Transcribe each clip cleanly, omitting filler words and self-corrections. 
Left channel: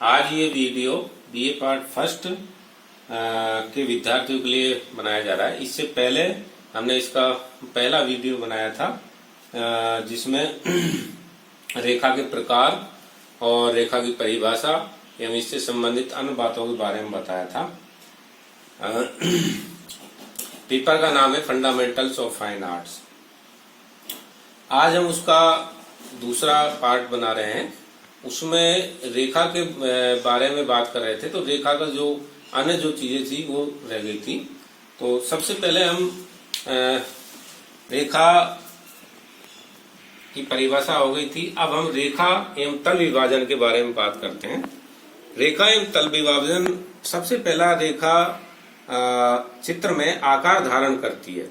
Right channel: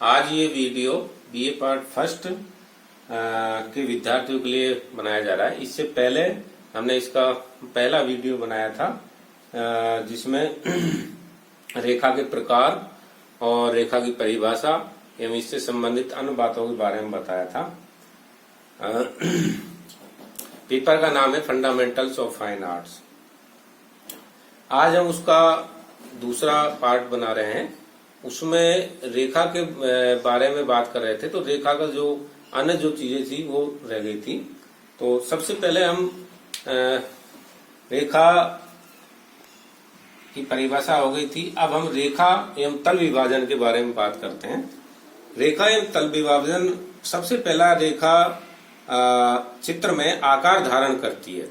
आज ये video BA part first के विद्यार्थियों के लिए बनाया जा रहा है। इससे पहले हमने इसका पहला वीडियो बनाया था जिसमें रेखा के प्रकार और रेखा की परिभाषा एवं इससे संबंधित अन्य बातों के बारे में बताया था। पेपर का नाम है फंडामेंटल्स ऑफ फाइन आर्ट्स। आज हम उसका दूसरा पार्ट बना रहे हैं। उसमें रेखा के बारे में बात कर रहे थे, तो रेखा का जो अन्य जो चीजें थी वो रह गई थी। तो सबसे पहले हम रेखा की परिभाषा हो गई थी। अब हम रेखा एवं तल विभाजन के बारे में बात करते हैं। रेखा एवं तल विभाजन, सबसे पहला रेखा चित्र में आकार धारण करती है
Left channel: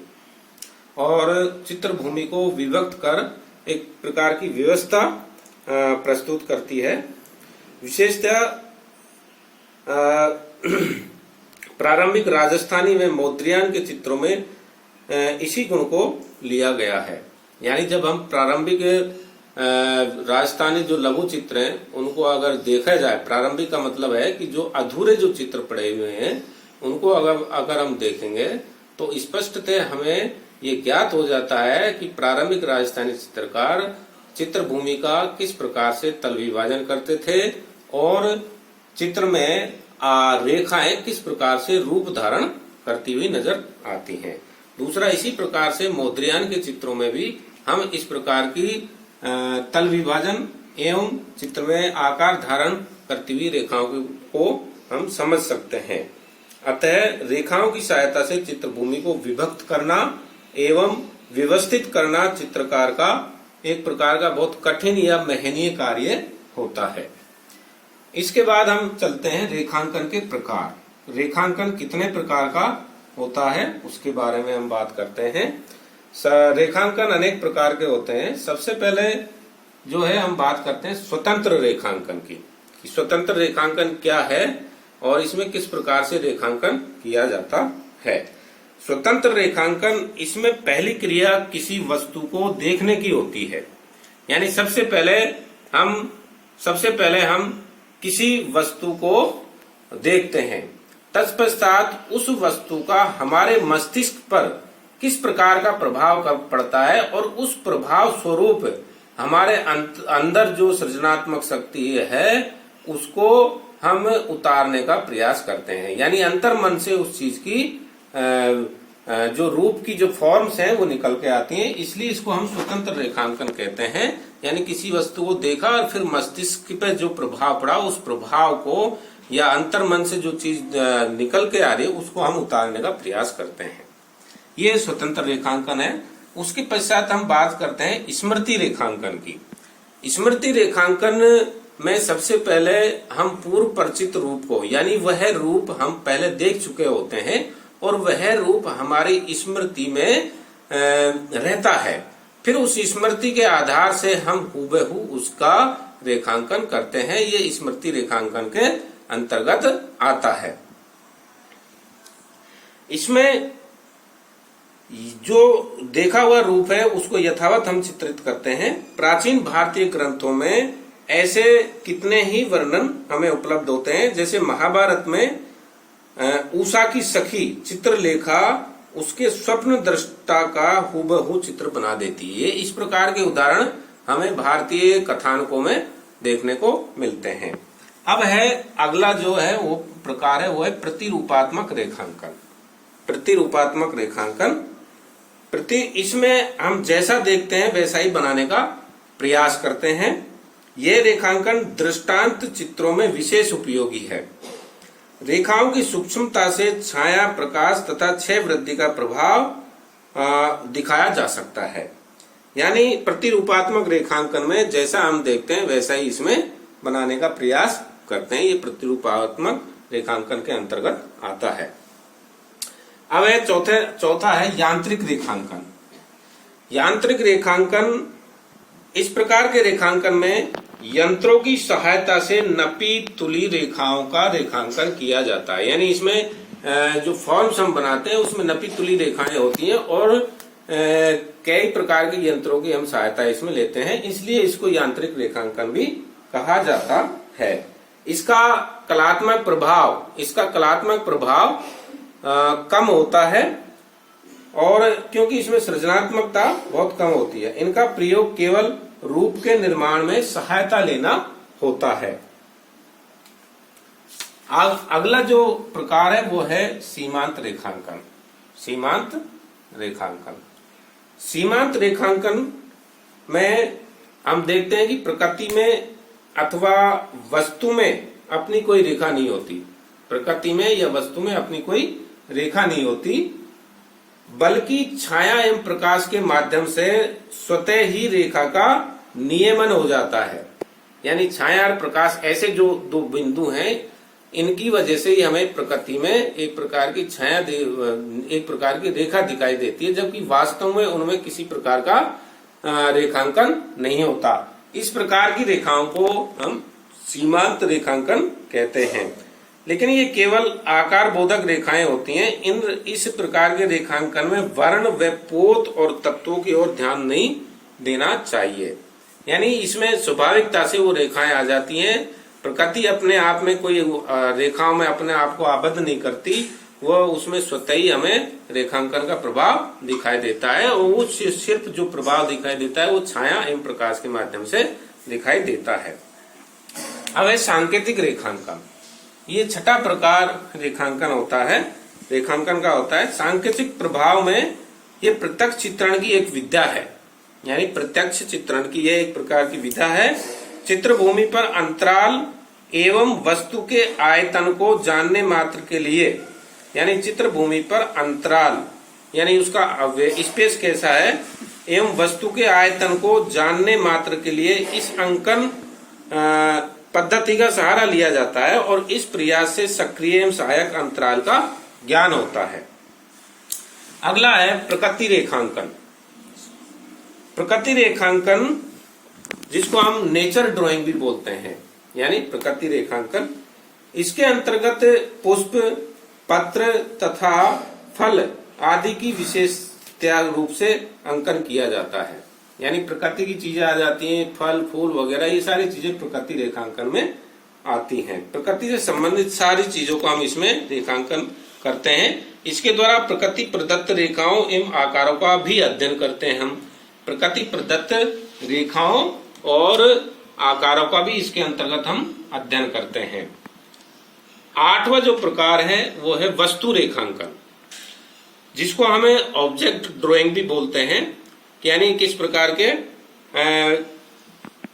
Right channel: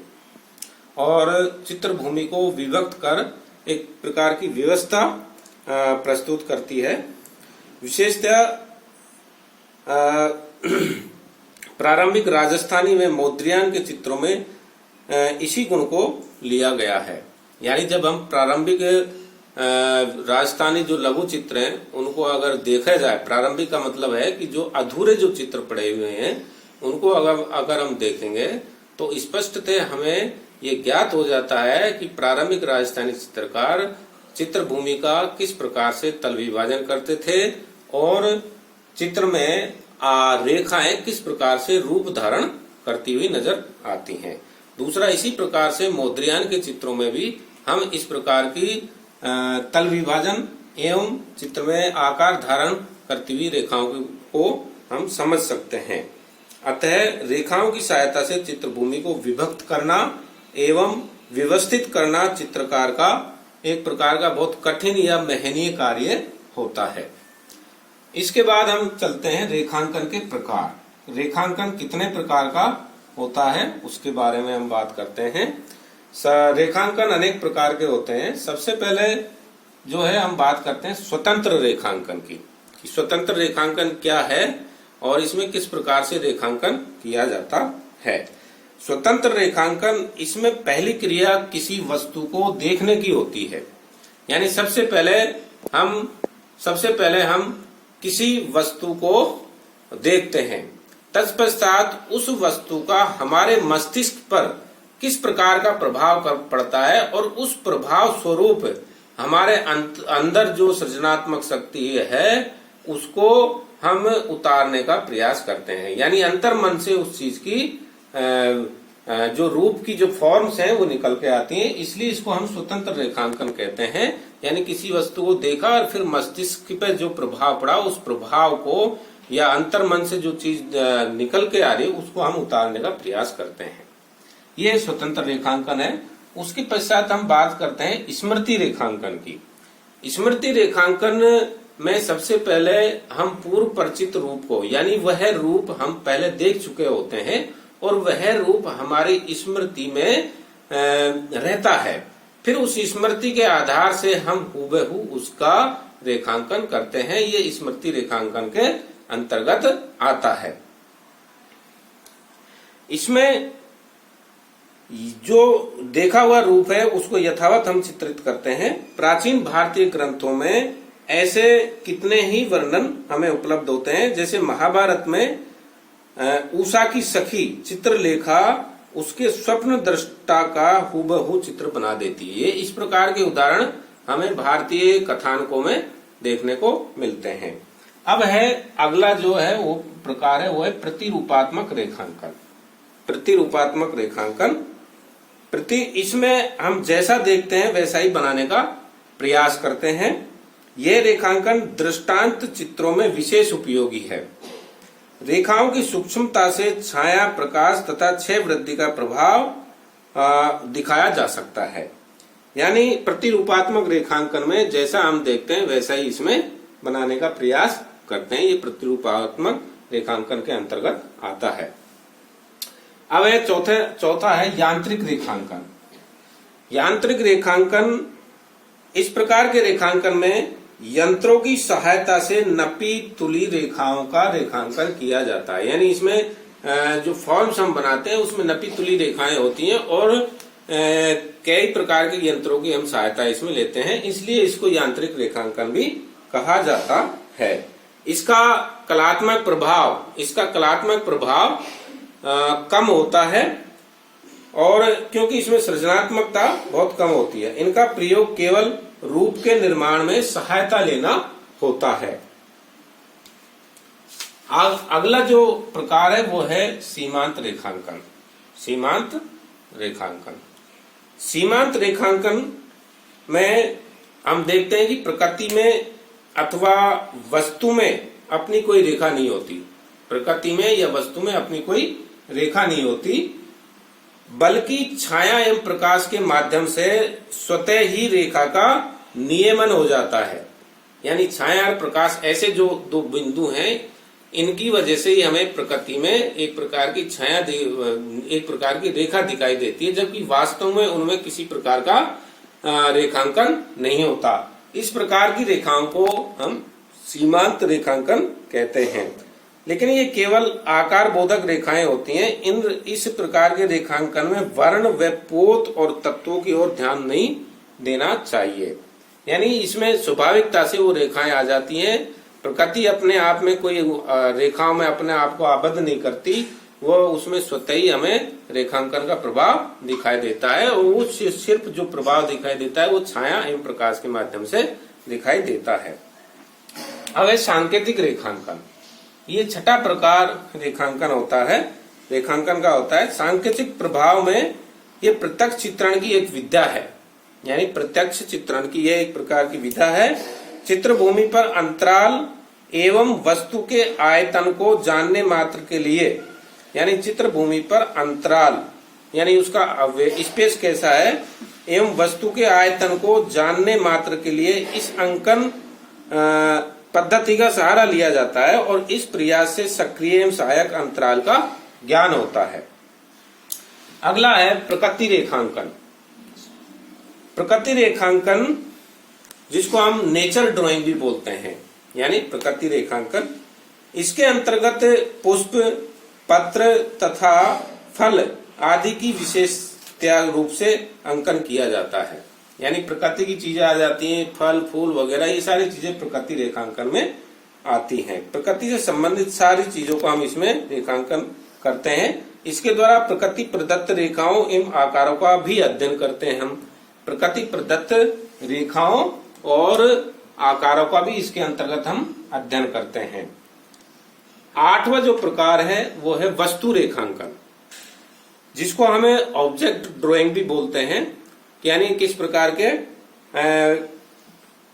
और चित्र भूमि को विभक्त कर एक प्रकार की व्यवस्था प्रस्तुत करती है। विशेषतः प्रारंभिक राजस्थानी में मौद्रियान के चित्रों में इसी गुण को लिया गया है। यानी जब हम प्रारंभिक राजस्थानी जो लघु चित्र हैं उनको अगर देखा जाए, प्रारंभिक का मतलब है कि जो अधूरे जो चित्र पड़े हुए हैं उनको अगर हम देखेंगे तो स्पष्टतः हमें ये ज्ञात हो जाता है कि प्रारंभिक राजस्थानी चित्रकार चित्र भूमि का किस प्रकार से तल विभाजन करते थे और चित्र में रेखाएं किस प्रकार से रूप धारण करती हुई नजर आती हैं। दूसरा, इसी प्रकार से मौद्रियान के चित्रों में भी हम इस प्रकार की तल विभाजन एवं चित्र में आकार धारण करती हुई रेखाओं को हम समझ सकते हैं। अतः रेखाओं की सहायता से चित्र भूमि को विभक्त करना एवं व्यवस्थित करना चित्रकार का एक प्रकार का बहुत कठिन या महनीय कार्य होता है। इसके बाद हम चलते हैं रेखांकन के प्रकार। रेखांकन कितने प्रकार का होता है उसके बारे में हम बात करते हैं। रेखांकन अनेक प्रकार के होते हैं। सबसे पहले जो है हम बात करते हैं स्वतंत्र रेखांकन की। स्वतंत्र रेखांकन क्या है और इसमें किस प्रकार से रेखांकन किया जाता है। स्वतंत्र रेखांकन, इसमें पहली क्रिया किसी वस्तु को देखने की होती है। यानी सबसे पहले हम किसी वस्तु को देखते हैं, तत्पश्चात उस वस्तु का हमारे मस्तिष्क पर किस प्रकार का प्रभाव पड़ता है और उस प्रभाव स्वरूप हमारे अंदर जो सृजनात्मक शक्ति है उसको हम उतारने का प्रयास करते हैं। यानी अंतर मन से उस चीज की जो रूप की जो फॉर्म्स हैं वो निकल के आती हैं। इसलिए इसको हम स्वतंत्र रेखांकन कहते हैं। यानी किसी वस्तु को देखा और फिर मस्तिष्क पे जो प्रभाव पड़ा उस प्रभाव को या अंतर मन से जो चीज निकल के आ रही है उसको हम उतारने का प्रयास करते हैं। ये स्वतंत्र रेखांकन है। उसके पश्चात हम बात करते हैं स्मृति रेखांकन की। स्मृति रेखांकन में सबसे पहले हम पूर्व परिचित रूप को, यानी वह रूप हम पहले देख चुके होते हैं और वह रूप हमारी स्मृति में रहता है। फिर उस स्मृति के आधार से हम हूबहू उसका रेखांकन करते हैं। ये स्मृति रेखांकन के अंतर्गत आता है। इसमें जो देखा हुआ रूप है उसको यथावत हम चित्रित करते हैं। प्राचीन भारतीय ग्रंथों में ऐसे कितने ही वर्णन हमें उपलब्ध होते हैं। जैसे महाभारत में उषा की सखी चित्रलेखा उसके स्वप्न दृष्टा का हूबहू चित्र बना देती है। इस प्रकार के उदाहरण हमें भारतीय कथानकों में देखने को मिलते हैं। अब है अगला जो है वो प्रकार है वो है प्रतिरूपात्मक रेखांकन। प्रतिरूपात्मक रेखांकन, इसमें हम जैसा देखते हैं वैसा ही बनाने का प्रयास करते हैं। ये रेखांकन दृष्टांत चित्रों में विशेष उपयोगी है। रेखाओं की सूक्ष्मता से छाया, प्रकाश तथा क्षय वृद्धि का प्रभाव दिखाया जा सकता है। यानी प्रतिरूपात्मक रेखांकन में जैसा हम देखते हैं वैसा ही इसमें बनाने का प्रयास करते हैं। ये प्रतिरूपात्मक रेखांकन के अंतर्गत आता है। अब है चौथा है यांत्रिक रेखांकन। यांत्रिक रेखांकन, इस प्रकार के रेखांकन में यंत्रों की सहायता से नपी तुली रेखाओं का रेखांकन किया जाता है। यानी इसमें जो फॉर्म्स हम बनाते हैं उसमें नपी तुली रेखाएं होती हैं और कई प्रकार के यंत्रों की हम सहायता इसमें लेते हैं, इसलिए इसको यांत्रिक रेखांकन भी कहा जाता है। इसका कलात्मक प्रभाव कम होता है, और क्योंकि इसमें सृजनात्मकता बहुत कम होती है। इनका प्रयोग केवल रूप के निर्माण में सहायता लेना होता है। अगला जो प्रकार है वो है सीमांत रेखांकन। सीमांत रेखांकन में हम देखते हैं कि प्रकृति में अथवा वस्तु में अपनी कोई रेखा नहीं होती। प्रकृति में या वस्तु में अपनी कोई रेखा नहीं होती, बल्कि छाया एवं प्रकाश के माध्यम से स्वतः ही रेखा का नियमन हो जाता है। यानी छाया और प्रकाश ऐसे जो दो बिंदु हैं, इनकी वजह से ही हमें प्रकृति में एक प्रकार की छाया, एक प्रकार की रेखा दिखाई देती है, जबकि वास्तव में उनमें किसी प्रकार का रेखांकन नहीं होता। इस प्रकार की रेखाओं को हम सीमांत रेखांकन कहते हैं। लेकिन ये केवल आकार बोधक रेखाएं होती हैं। इस प्रकार के रेखांकन में वर्ण व पोत और तत्वों की ओर ध्यान नहीं देना चाहिए। यानी इसमें स्वाभाविकता से वो रेखाएं आ जाती हैं। प्रकृति अपने आप में कोई रेखाओं में अपने आप को आबद्ध नहीं करती, वो उसमें स्वतः ही हमें रेखांकन का प्रभाव दिखाई देता है, और वो सिर्फ जो प्रभाव दिखाई देता है वो छाया एवं प्रकाश के माध्यम से दिखाई देता है। अब है सांकेतिक रेखांकन। ये छठा प्रकार रेखांकन होता है, रेखांकन का होता है। सांकेतिक प्रभाव में ये प्रत्यक्ष चित्रण की एक विद्या है। यानी प्रत्यक्ष चित्रण की यह एक प्रकार की विधा है। चित्रभूमि पर अंतराल एवं वस्तु के आयतन को जानने मात्र के लिए, यानी चित्रभूमि पर अंतराल यानी उसका स्पेस कैसा है, एवं वस्तु के आयतन को जानने मात्र के लिए इस अंकन पद्धति का सहारा लिया जाता है, और इस प्रयास से सक्रिय एवं सहायक अंतराल का ज्ञान होता है। अगला है प्रकृति रेखांकन। प्रकृति रेखांकन जिसको हम नेचर ड्राइंग भी बोलते हैं, यानी प्रकृति रेखांकन, इसके अंतर्गत पुष्प, पत्र तथा फल आदि की विशेषता रूप से अंकन किया जाता है। यानी प्रकृति की चीजें आ जाती हैं, फल फूल वगैरह, ये सारी चीजें प्रकृति रेखांकन में आती हैं। प्रकृति से संबंधित सारी चीजों को हम इसमें रेखांकन करते हैं। इसके द्वारा प्रकृति प्रदत्त रेखाओं एवं आकारों का भी अध्ययन करते हैं हम। प्रकृति प्रदत्त रेखाओं और आकारों का भी इसके अंतर्गत हम अध्ययन करते हैं। आठवां जो प्रकार है वो है वस्तु रेखांकन, जिसको हमें ऑब्जेक्ट ड्राइंग भी बोलते हैं। यानी किस प्रकार के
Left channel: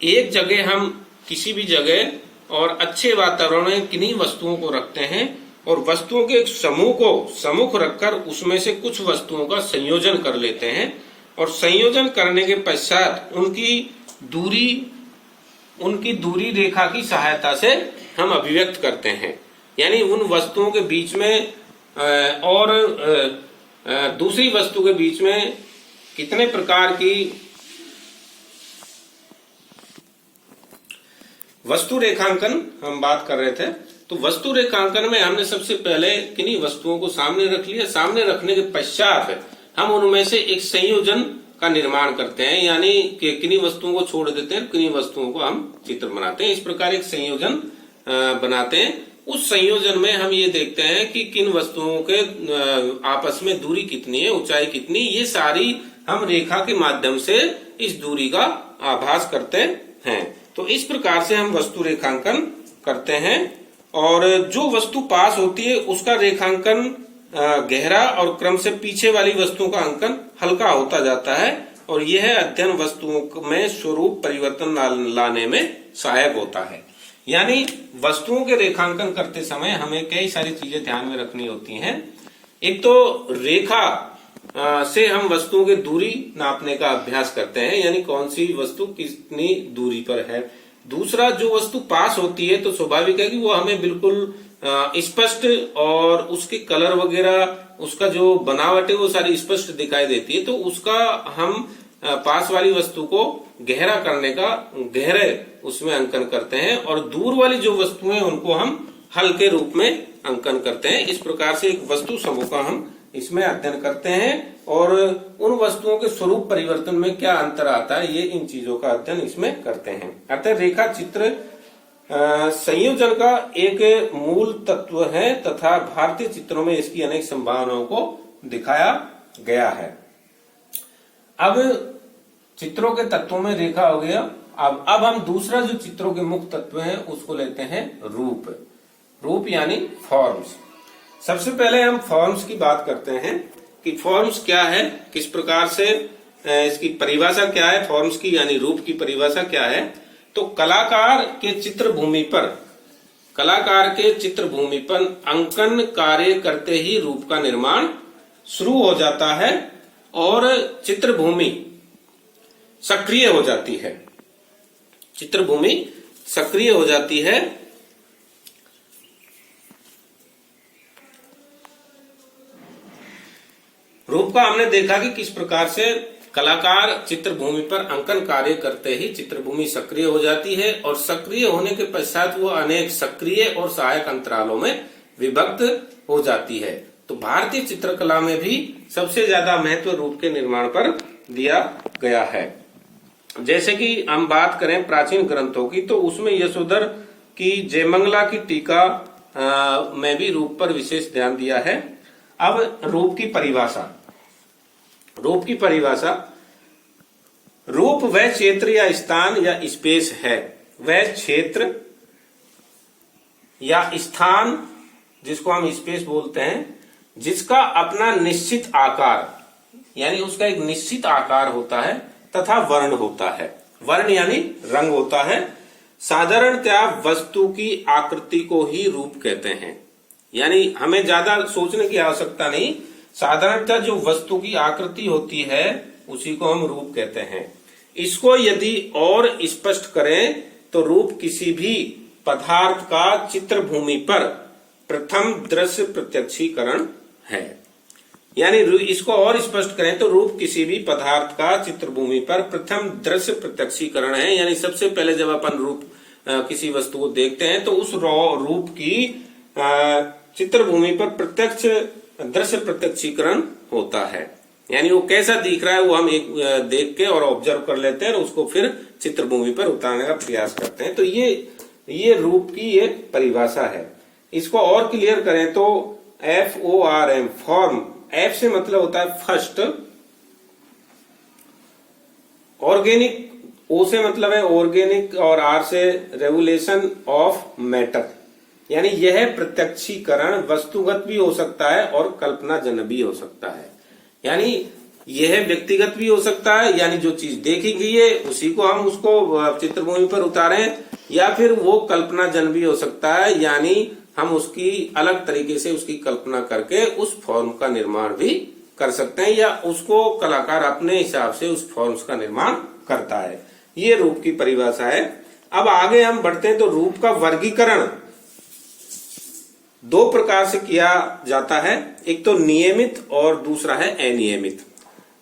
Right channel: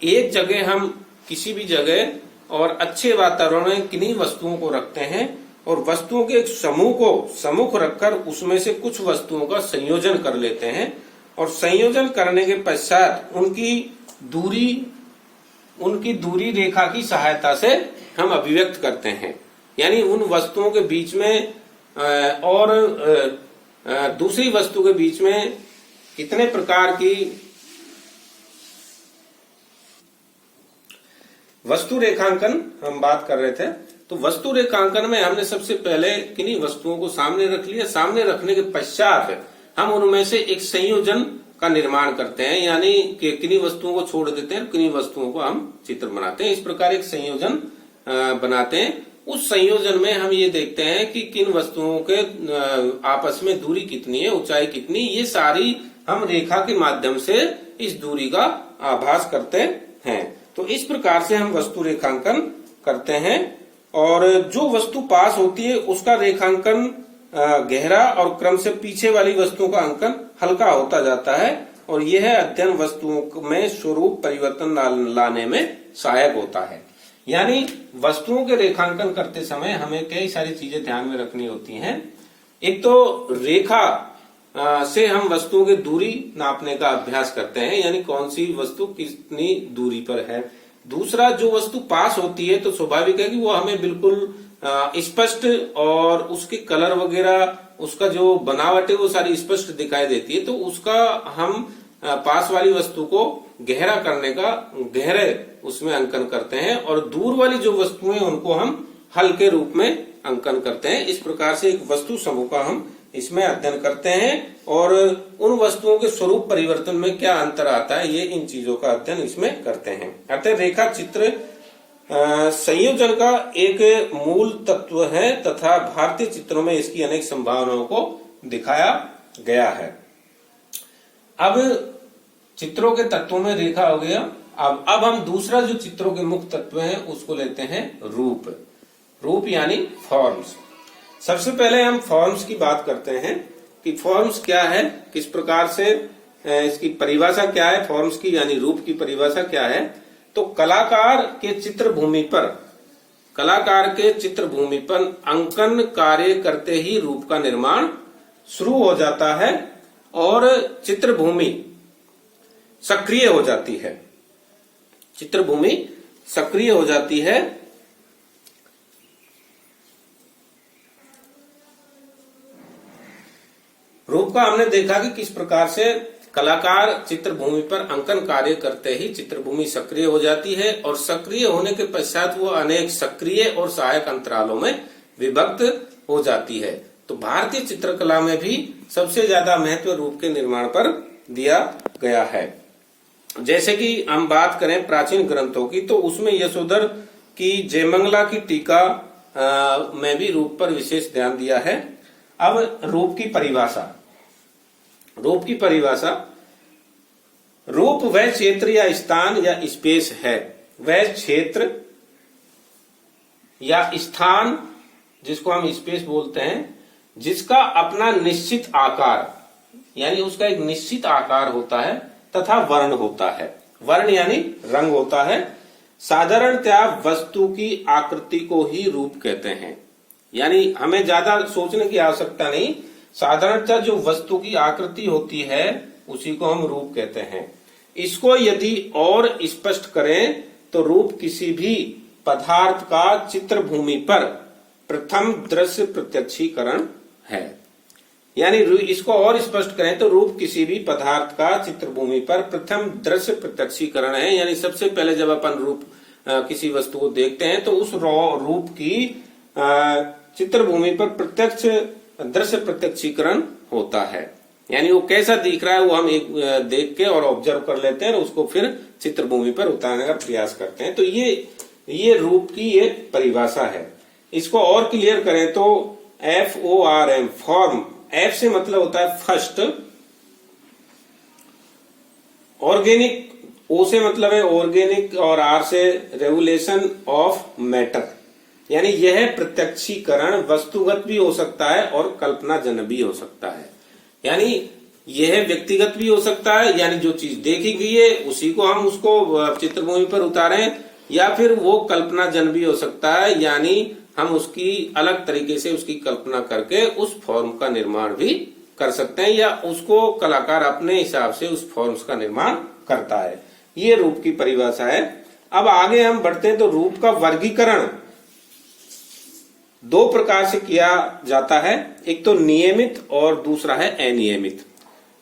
एक जगह हम किसी भी जगह और अच्छे वातावरण में किन्हीं वस्तुओं को रखते हैं, और वस्तुओं के एक समूह को सम्मुख रखकर उसमें से कुछ वस्तुओं का संयोजन कर लेते हैं, और संयोजन करने के पश्चात उनकी दूरी रेखा की सहायता से हम अभिव्यक्त करते हैं। यानी उन वस्तुओं के बीच में और दूसरी वस्तु के बीच में कितने प्रकार की वस्तु रेखांकन हम बात कर रहे थे। तो वस्तु रेखांकन में हमने सबसे पहले किन्हीं वस्तुओं को सामने रख लिया। सामने रखने के पश्चात हम उनमें से एक संयोजन का निर्माण करते हैं, यानी कि किन्हीं वस्तुओं को छोड़ देते हैं, किन्हीं वस्तुओं को हम चित्र बनाते हैं। इस प्रकार एक संयोजन बनाते हैं। उस संयोजन में हम ये देखते हैं कि किन वस्तुओं के आपस में दूरी कितनी है, ऊंचाई कितनी, ये सारी हम रेखा के माध्यम से इस दूरी का आभास करते हैं। तो इस प्रकार से हम वस्तु रेखांकन करते हैं, और जो वस्तु पास होती है उसका रेखांकन गहरा और क्रम से पीछे वाली वस्तुओं का अंकन हल्का होता जाता है, और यह अध्ययन वस्तुओं में स्वरूप परिवर्तन लाने में सहायक होता है। यानी वस्तुओं के रेखांकन करते समय हमें कई सारी चीजें ध्यान में रखनी होती हैं। एक तो रेखा से हम वस्तुओं की दूरी नापने का अभ्यास करते हैं, यानी कौन सी वस्तु कितनी दूरी पर है। दूसरा, जो वस्तु पास होती है तो स्वाभाविक है कि वो हमें बिल्कुल स्पष्ट, और उसके कलर वगैरह, उसका जो बनावट है वो सारी स्पष्ट दिखाई देती है। तो उसका हम पास वाली वस्तु को गहरा करने का गहरे उसमें अंकन करते हैं, और दूर वाली जो वस्तुएं उनको हम हल्के रूप में अंकन करते हैं। इस प्रकार से एक वस्तु समूह का हम इसमें अध्ययन करते हैं, और उन वस्तुओं के स्वरूप परिवर्तन में क्या अंतर आता है, ये इन चीजों का अध्ययन इसमें करते हैं। अतः रेखा चित्र संयोजन का एक मूल तत्व है तथा भारतीय चित्रों में इसकी अनेक संभावनाओं को दिखाया गया है। अब चित्रों के तत्वों में रेखा हो गया। अब हम दूसरा जो चित्रों के मुख्य तत्व हैं उसको लेते हैं रूप। रूप यानी फॉर्म्स। सबसे पहले हम फॉर्म्स की बात करते हैं कि फॉर्म्स क्या है, किस प्रकार से इसकी परिभाषा क्या है, फॉर्म्स की यानी रूप की परिभाषा क्या है। तो कलाकार के चित्रभूमि पर अंकन कार्य करते ही रूप का निर्माण शुरू हो जाता है और चित्रभूमि सक्रिय हो जाती है। चित्रभूमि सक्रिय हो जाती है। रूप का हमने देखा कि किस प्रकार से कलाकार चित्रभूमि पर अंकन कार्य करते ही चित्रभूमि सक्रिय हो जाती है और सक्रिय होने के पश्चात वो अनेक सक्रिय और सहायक अंतरालों में विभक्त हो जाती है। तो भारतीय चित्रकला में भी सबसे ज्यादा महत्व रूप के निर्माण पर दिया गया है। जैसे कि हम बात करें प्राचीन ग्रंथों की, तो उसमें यशोधर की जयमंगला की टीका में भी रूप पर विशेष ध्यान दिया है। अब रूप की परिभाषा। रूप वह क्षेत्र या स्थान या स्पेस है, वह क्षेत्र या स्थान जिसको हम स्पेस बोलते हैं, जिसका अपना निश्चित आकार यानी उसका एक निश्चित आकार होता है तथा वर्ण होता है। वर्ण यानी रंग होता है। साधारणतया वस्तु की आकृति को ही रूप कहते हैं। यानी हमें ज्यादा सोचने की आवश्यकता नहीं, साधारणतः जो वस्तु की आकृति होती है उसी को हम रूप कहते हैं। इसको यदि और स्पष्ट करें तो रूप किसी भी पदार्थ का चित्रभूमि पर प्रथम दृश्य प्रत्यक्षीकरण है। यानी इसको और स्पष्ट करें तो रूप किसी भी पदार्थ का चित्रभूमि पर प्रथम दृश्य प्रत्यक्षीकरण है। यानी सबसे पहले जब अपन रूप किसी वस्तु को देखते हैं तो उस रूप की चित्रभूमि पर प्रत्यक्ष दृश्य प्रत्यक्षीकरण होता है। यानी वो कैसा दिख रहा है वो हम एक देख के और ऑब्जर्व कर लेते हैं और उसको फिर चित्रभूमि पर उतारने का प्रयास करते हैं। तो ये रूप की ये परिभाषा है। इसको और क्लियर करें तो FORM, फॉर्म, F से मतलब होता है फर्स्ट, ऑर्गेनिक, O से मतलब है ऑर्गेनिक और R से रेगुलेशन ऑफ मैटर। यानी यह प्रत्यक्षीकरण वस्तुगत भी हो सकता है और कल्पनाजन्य भी हो सकता है। यानी यह व्यक्तिगत भी हो सकता है, यानी जो चीज देखी गई है उसी को हम उसको चित्रभूमि पर उतारें, या फिर वो कल्पनाजन्य भी हो सकता है, यानी हम उसकी अलग तरीके से उसकी कल्पना करके उस फॉर्म का निर्माण भी कर सकते हैं, या उसको कलाकार अपने हिसाब से उस फॉर्म्स का निर्माण करता है। ये रूप की परिभाषा है। अब आगे हम बढ़ते हैं तो रूप का वर्गीकरण दो प्रकार से किया जाता है। एक तो नियमित और दूसरा है अनियमित।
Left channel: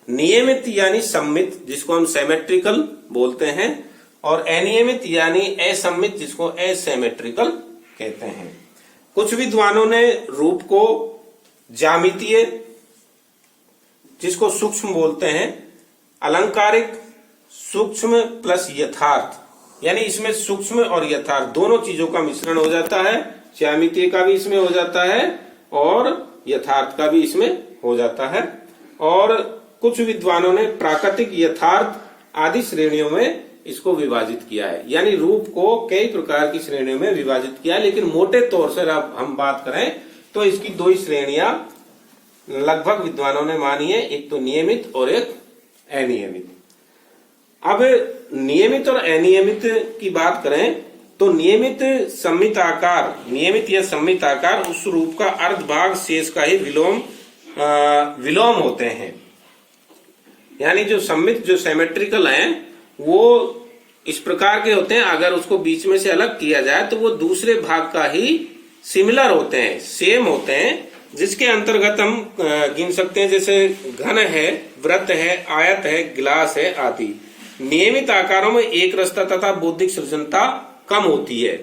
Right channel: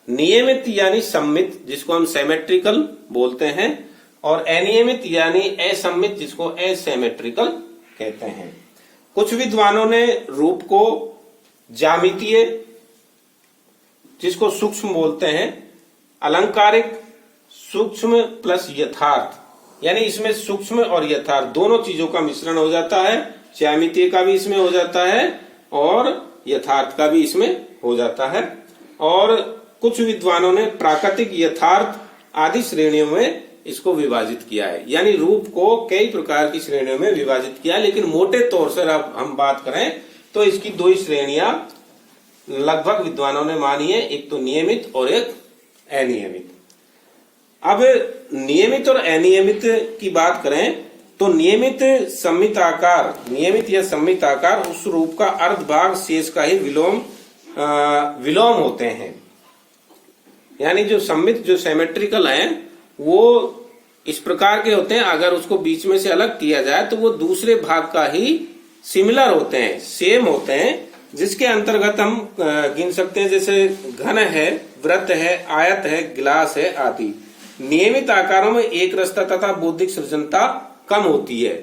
नियमित यानी सम्मित जिसको हम सिमेट्रिकल बोलते हैं, और अनियमित यानी असम्मित जिसको असिमेट्रिकल कहते हैं। कुछ विद्वानों ने रूप को ज्यामितीय जिसको सूक्ष्म बोलते हैं, अलंकारिक, सूक्ष्म प्लस यथार्थ, यानी इसमें सूक्ष्म और यथार्थ दोनों चीजों का मिश्रण हो जाता है। ज्यामितीय का भी इसमें हो जाता है और यथार्थ का भी इसमें हो जाता है। और कुछ विद्वानों ने प्राकृतिक, यथार्थ आदि श्रेणियों में इसको विभाजित किया है। यानी रूप को कई प्रकार की श्रेणियों में विभाजित किया है, लेकिन मोटे तौर से अब हम बात करें तो इसकी दो ही श्रेणियां लगभग विद्वानों ने मानी है, एक तो नियमित और एक अनियमित। अब नियमित और अनियमित की बात करें तो नियमित सम्मित आकार, नियमित या सम्मित आकार उस रूप का अर्ध भाग शेष का ही विलोम होते हैं। यानी जो सम्मित, जो सिमेट्रिकल है, वो इस प्रकार के होते हैं, अगर उसको बीच में से अलग किया जाए तो वो दूसरे भाग का ही सिमिलर होते हैं, सेम होते हैं, जिसके अंतर्गत हम गिन सकते हैं जैसे घन है, वृत्त है, आयत है, गिलास है आदि। नियमित आकारों में एक रसता तथा बौद्धिक सृजनता कम होती है,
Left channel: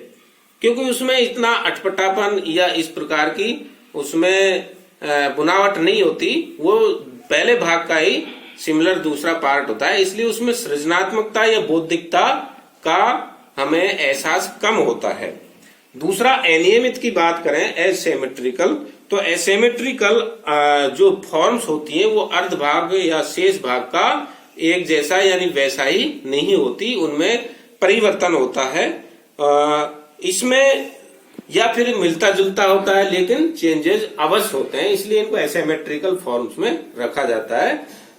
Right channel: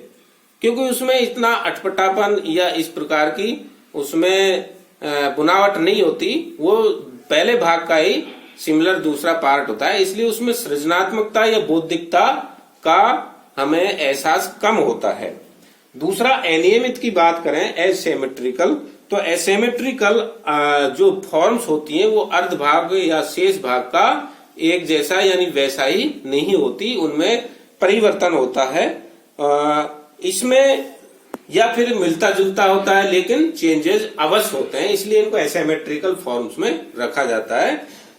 क्योंकि उसमें इतना अटपटापन या इस प्रकार की उसमें बुनावट नहीं होती, वो पहले भाग का ही सिमिलर दूसरा पार्ट होता है, इसलिए उसमें सृजनात्मकता या बौद्धिकता का हमें एहसास कम होता है। दूसरा, अनियमित की बात करें, एसिमेट्रिकल, तो एसिमेट्रिकल जो फॉर्म्स होती हैं वो अर्ध भाग या शेष भाग का एक जैसा यानी वैसा ही नहीं होती, उनमें परिवर्तन होता है। इसमें या फिर मिलता जुलता होता है लेकिन चेंजेस अवश्य होते हैं, इसलिए इनको एसिमेट्रिकल फॉर्म्स में रखा जाता है।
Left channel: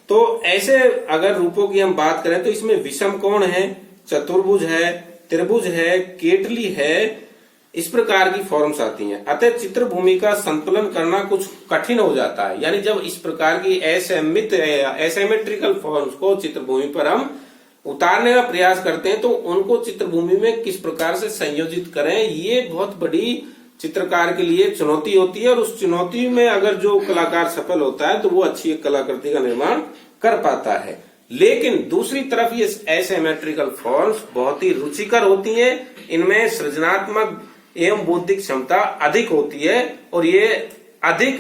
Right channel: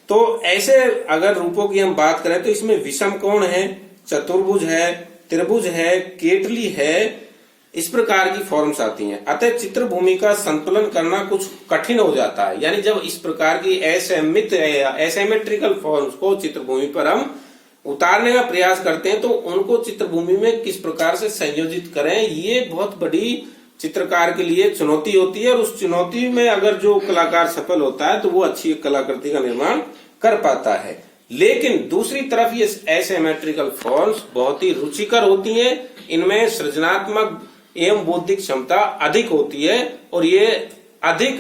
तो ऐसे अगर रूपों की हम बात करें तो इसमें विषम कोण है, चतुर्भुज है, त्रिभुज है, केटली है, इस प्रकार की फॉर्म्स आती हैं। अतः चित्र भूमि का संतुलन करना कुछ कठिन हो जाता है। यानी जब इस प्रकार की एसिमेट्रिकल फॉर्म्स को चित्र भूमि पर हम उतारने का प्रयास करते हैं तो उनको चित्र भूमि में किस प्रकार से संयोजित करें, ये बहुत बड़ी चित्रकार के लिए चुनौती होती है। और उस चुनौती में अगर जो कलाकार सफल होता है तो वो अच्छी कलाकृति का निर्माण कर पाता है। लेकिन दूसरी तरफ ये एसिमेट्रिकल फॉर्म्स बहुत ही रुचिकर होती हैं, इनमें सृजनात्मक एवं बौद्धिक क्षमता अधिक होती है और ये अधिक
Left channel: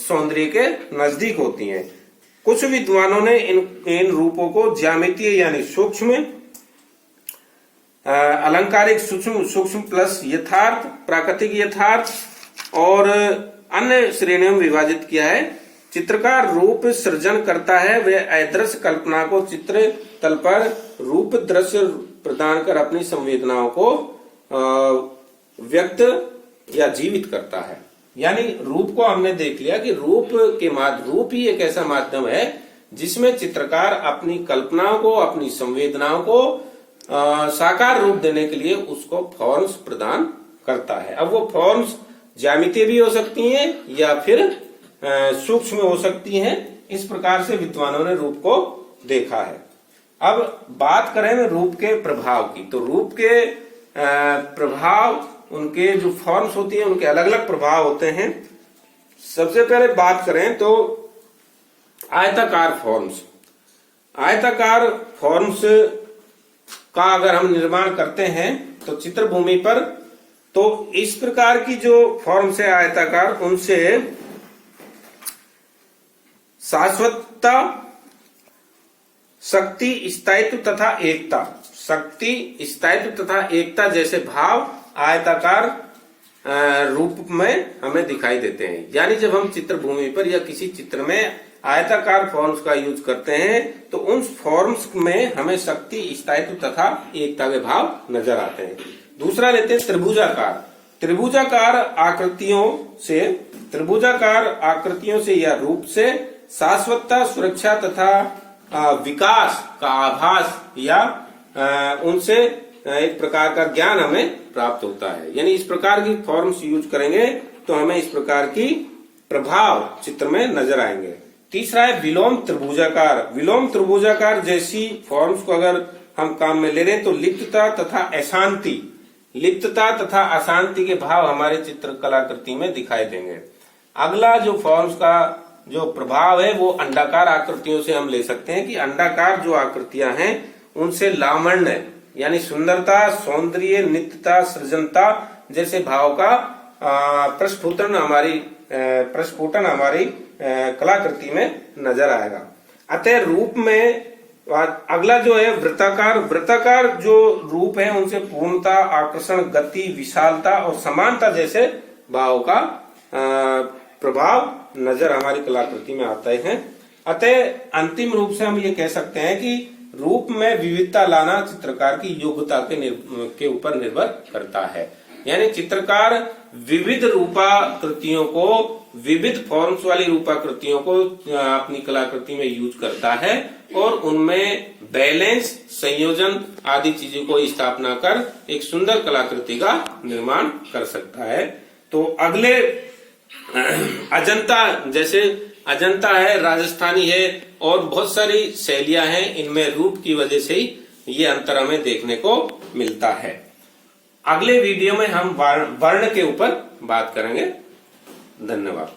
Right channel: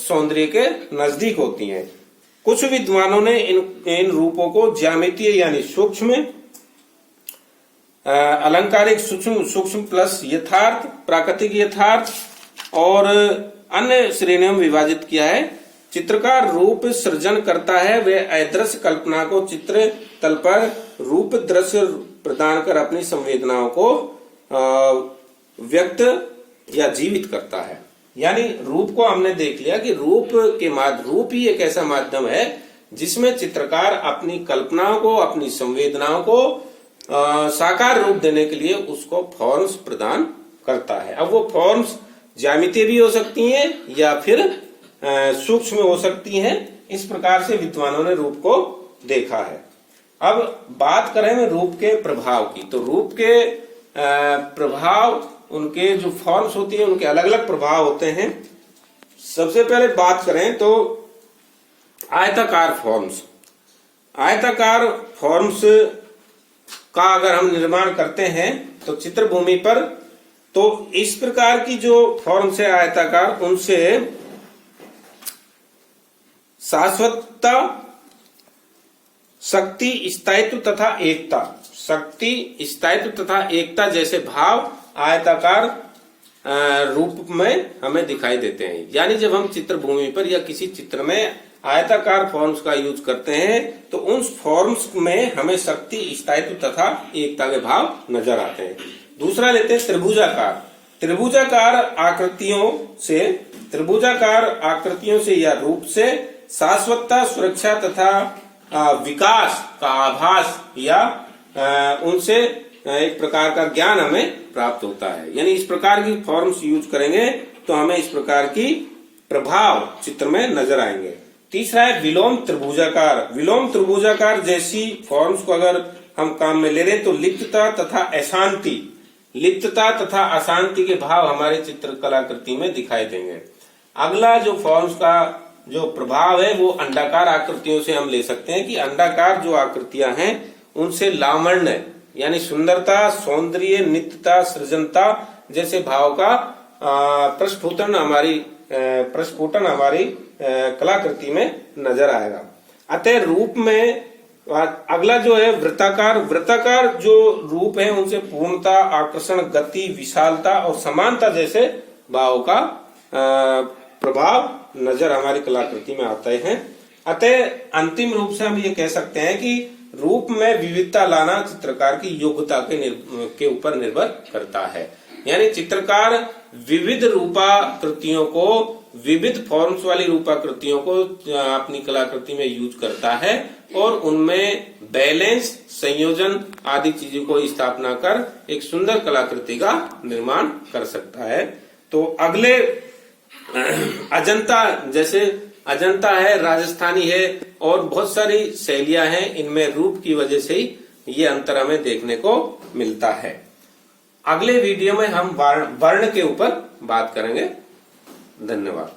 सौंदर्य के नजदीक होती हैं। कुछ विद्वानों ने इन रूपों को ज्यामितीय यानी सूक्ष्म, अलंकारिक सूक्ष्म प्लस यथार्थ, प्राकृतिक यथार्थ और अन्य श्रेणियों में विभाजित किया है। चित्रकार रूप सृजन करता है, वह अदृश्य कल्पना को चित्र तल पर रूप दृश्य प्रदान कर अपनी संवेदनाओं को व्यक्त या जीवित करता है। यानी रूप को हमने देख लिया कि रूप ही एक ऐसा माध्यम है जिसमें चित्रकार अपनी कल्पनाओं को, अपनी संवेदनाओं को साकार रूप देने के लिए उसको फॉर्म्स प्रदान करता है। अब वो फॉर्म्स ज्यामितीय भी हो सकती हैं या फिर सूक्ष्म हो सकती हैं। इस प्रकार से विद्वानों ने रूप को देखा है। अब बात करें रूप के प्रभाव की, तो रूप के प्रभाव, उनके जो फॉर्म्स होती है उनके अलग अलग प्रभाव होते हैं। सबसे पहले बात करें तो आयताकार फॉर्म्स। आयताकार फॉर्म्स का अगर हम निर्माण करते हैं तो चित्र भूमि पर, तो इस प्रकार की जो फॉर्म्स है आयताकार, उनसे शाश्वतता, शक्ति, स्थायित्व तथा एकता, शक्ति, स्थायित्व तथा एकता जैसे भाव आयताकार रूप में हमें दिखाई देते हैं। यानी जब हम चित्र भूमि पर या किसी चित्र में आयताकार फॉर्म्स का यूज करते हैं तो उन फॉर्म्स में हमें शक्ति, स्थायित्व तथा एकता के भाव नजर आते हैं। दूसरा लेते हैं त्रिभुजाकार। त्रिभुजाकार आकृतियों से या रूप से शाश्वतता, सुरक्षा तथा विकास का आभास या उनसे एक प्रकार का ज्ञान हमें प्राप्त होता है। यानी इस प्रकार की फॉर्म्स यूज करेंगे तो हमें इस प्रकार की प्रभाव चित्र में नजर आएंगे। तीसरा है विलोम त्रिभुजाकार। विलोम त्रिभुजाकार जैसी फॉर्म्स को अगर हम काम में ले रहे हैं तो लिप्तता तथा अशांति के भाव हमारे चित्र कलाकृति में दिखाई देंगे। अगला जो फॉर्म्स का जो प्रभाव है वो अंडाकार आकृतियों से हम ले सकते हैं कि अंडाकार जो आकृतियां हैं उनसे लावण्य यानी सुंदरता, सौंदर्य, नित्यता, सृजनता जैसे भाव का प्रस्फुटन हमारी कलाकृति में नजर आएगा। अतः रूप में अगला जो है वृत्ताकार जो रूप है उनसे पूर्णता, आकर्षण, गति, विशालता और समानता जैसे भाव का प्रभाव नजर हमारी कलाकृति में आते हैं। अतः अंतिम रूप से हम ये कह सकते हैं कि रूप में विविधता लाना चित्रकार की योग्यता के ऊपर निर्भर करता है। यानी चित्रकार विविध रूपाकृतियों को, विविध फॉर्म्स वाली रूपाकृतियों को अपनी कलाकृति में यूज करता है और उनमें बैलेंस, संयोजन आदि चीजों को स्थापना कर एक सुंदर कलाकृति का निर्माण कर सकता है। तो अगले अजंता है, राजस्थानी है और बहुत सारी शैलियां हैं, इनमें रूप की वजह से ही ये अंतर हमें देखने को मिलता है। अगले वीडियो में हम वर्ण के ऊपर बात करेंगे। धन्यवाद।